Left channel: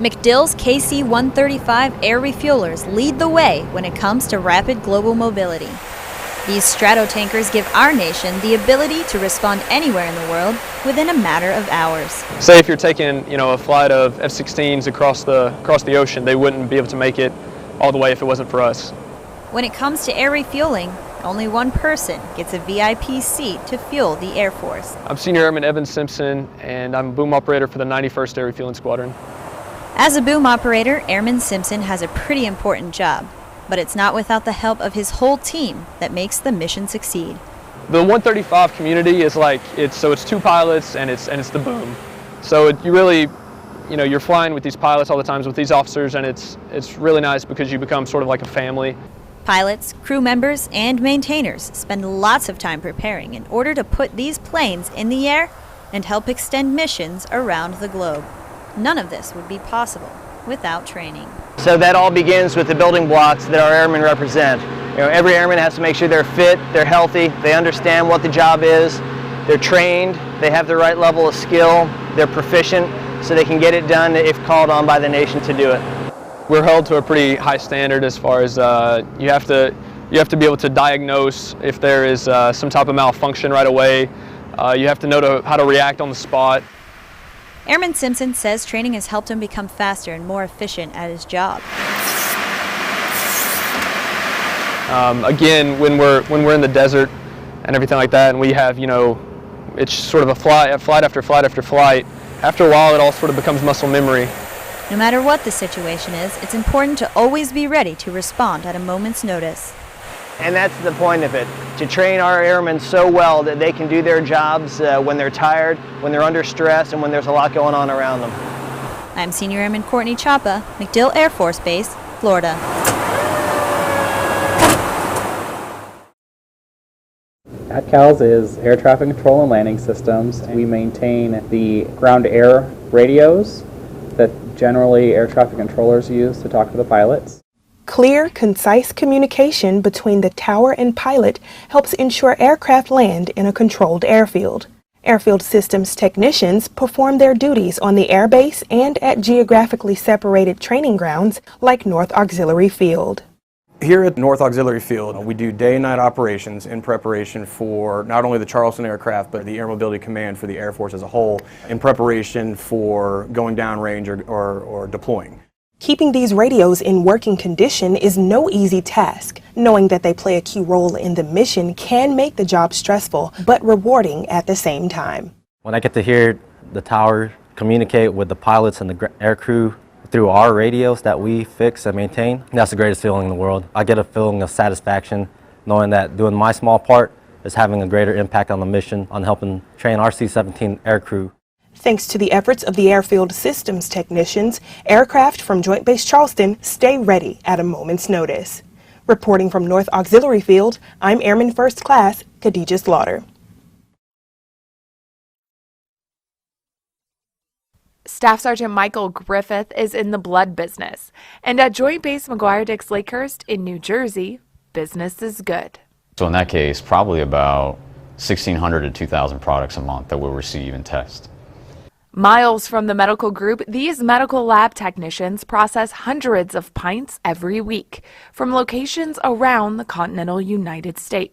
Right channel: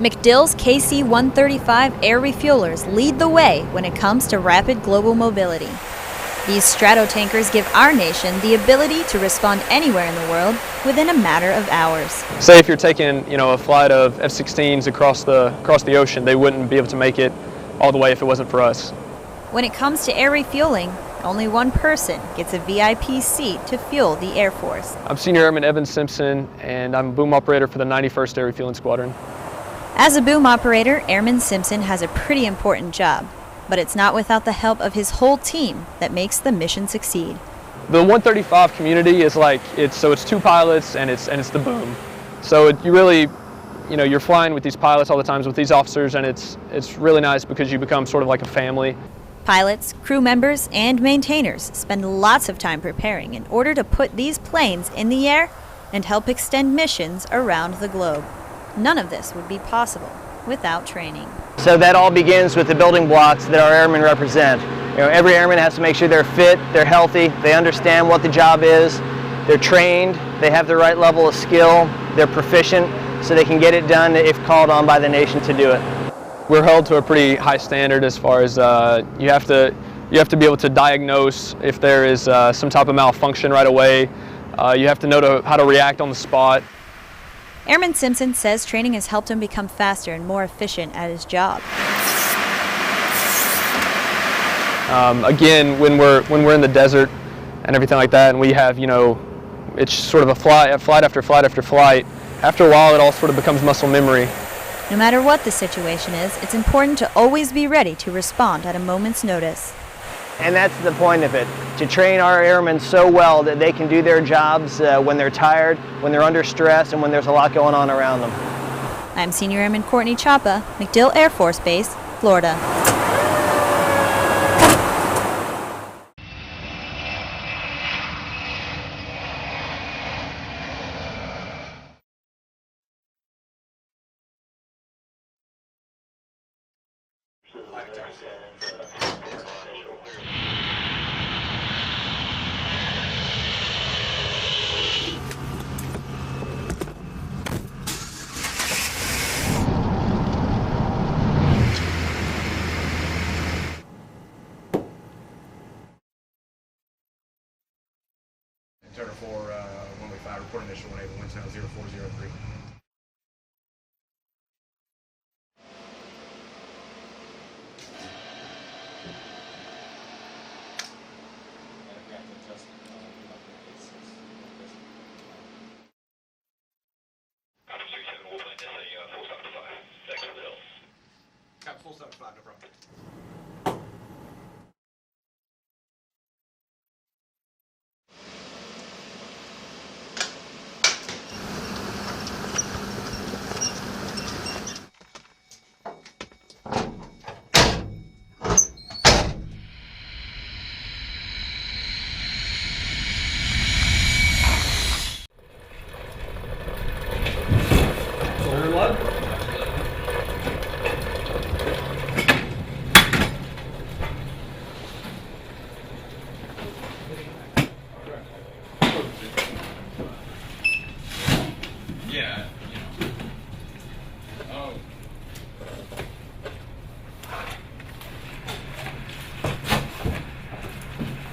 MacDill's KC-135 air refuelers lead the way when it comes to rapid global mobility. These stratotankers give our nation the ability to respond anywhere in the world within a matter of hours. Say if you're taking, a flight of F-16s across the ocean, they wouldn't be able to make it all the way if it wasn't for us. When it comes to air refueling, only one person gets a VIP seat to fuel the Air Force. I'm Senior Airman Evan Simpson, and I'm a boom operator for the 91st Air Refueling Squadron. As a boom operator, Airman Simpson has a pretty important job, but it's not without the help of his whole team that makes the mission succeed. The 135 community is it's two pilots and it's the boom. So you really, you're flying with these pilots all the time, with these officers, and it's really nice because you become sort of like a family. Pilots, crew members, and maintainers spend lots of time preparing in order to put these planes in the air and help extend missions around the globe. None of this would be possible without training. So that all begins with the building blocks that our airmen represent. Every airman has to make sure they're fit, they're healthy, they understand what the job is, they're trained, they have the right level of skill, they're proficient, so they can get it done if called on by the nation to do it. We're held to a pretty high standard as far as you have to be able to diagnose if there is some type of malfunction right away. You have to know how to react on the spot. Airman Simpson says training has helped him become faster and more efficient at his job. Again, when we're in the desert and everything like that, and we have, it's sort of a flight after flight after flight, after a while it all sort of becomes muscle memory. No matter what the situation is, it's important to always be ready to respond at a moment's notice. And that's the point of it, to train our airmen so well that they can do their jobs when they're tired, when they're under stress, and when there's a lot going on around them. I'm Senior Airman Courtney Chapa, MacDill Air Force Base, Florida. PALS is air traffic control and landing systems. We maintain the ground-air radios that generally air traffic controllers use to talk to the pilots. Clear, concise communication between the tower and pilot helps ensure aircraft land in a controlled airfield. Airfield systems technicians perform their duties on the airbase and at geographically separated training grounds like North Auxiliary Field. Here at North Auxiliary Field, we do day and night operations in preparation for not only the Charleston aircraft, but the Air Mobility Command for the Air Force as a whole, in preparation for going downrange or deploying. Keeping these radios in working condition is no easy task. Knowing that they play a key role in the mission can make the job stressful, but rewarding at the same time. When I get to hear the tower communicate with the pilots and the air crew through our radios that we fix and maintain, that's the greatest feeling in the world. I get a feeling of satisfaction knowing that doing my small part is having a greater impact on the mission, on helping train our C-17 air crew. Thanks to the efforts of the airfield systems technicians, aircraft from Joint Base Charleston stay ready at a moment's notice. Reporting from North Auxiliary Field, I'm Airman First Class Khadijah Slaughter. Staff Sergeant Michael Griffith is in the blood business, and at Joint Base McGuire-Dix Lakehurst in New Jersey, business is good. So in that case, probably about 1,600 to 2,000 products a month that we'll receive and test. Miles from the medical group, these medical lab technicians process hundreds of pints every week from locations around the continental United States.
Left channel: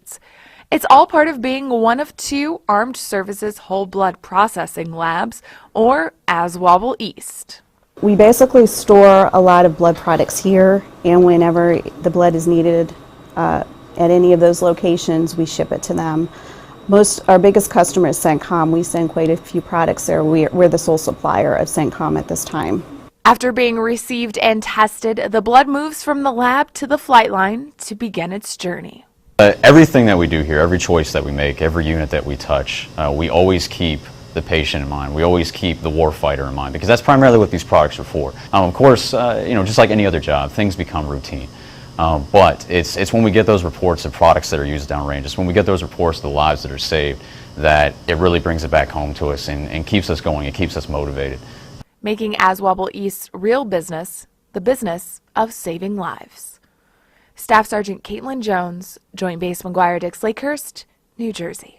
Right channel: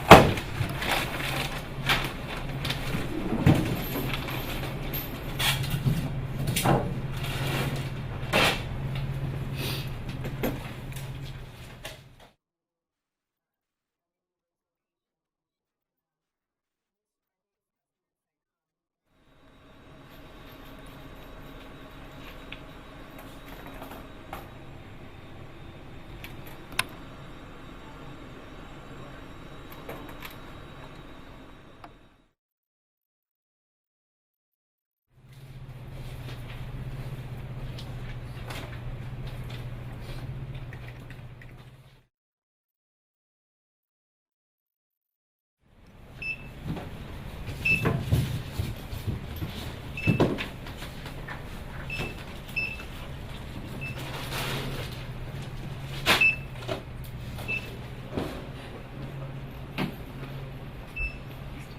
It's all part of being one of two Armed Services Whole Blood Processing Labs, or ASWABL East. We basically store a lot of blood products here, and whenever the blood is needed at any of those locations, we ship it to them. Our biggest customer is CENTCOM. We send quite a few products there. We're the sole supplier of CENTCOM at this time. After being received and tested, the blood moves from the lab to the flight line to begin its journey. Everything that we do here, every choice that we make, every unit that we touch, we always keep the patient in mind. We always keep the warfighter in mind, because that's primarily what these products are for. Of course, just like any other job, things become routine. But it's when we get those reports of products that are used downrange, it's when we get those reports of the lives that are saved, that it really brings it back home to us and keeps us going, it keeps us motivated. Making ASWABL East real business, the business of saving lives. Staff Sergeant Caitlin Jones, Joint Base McGuire-Dix Lakehurst, New Jersey.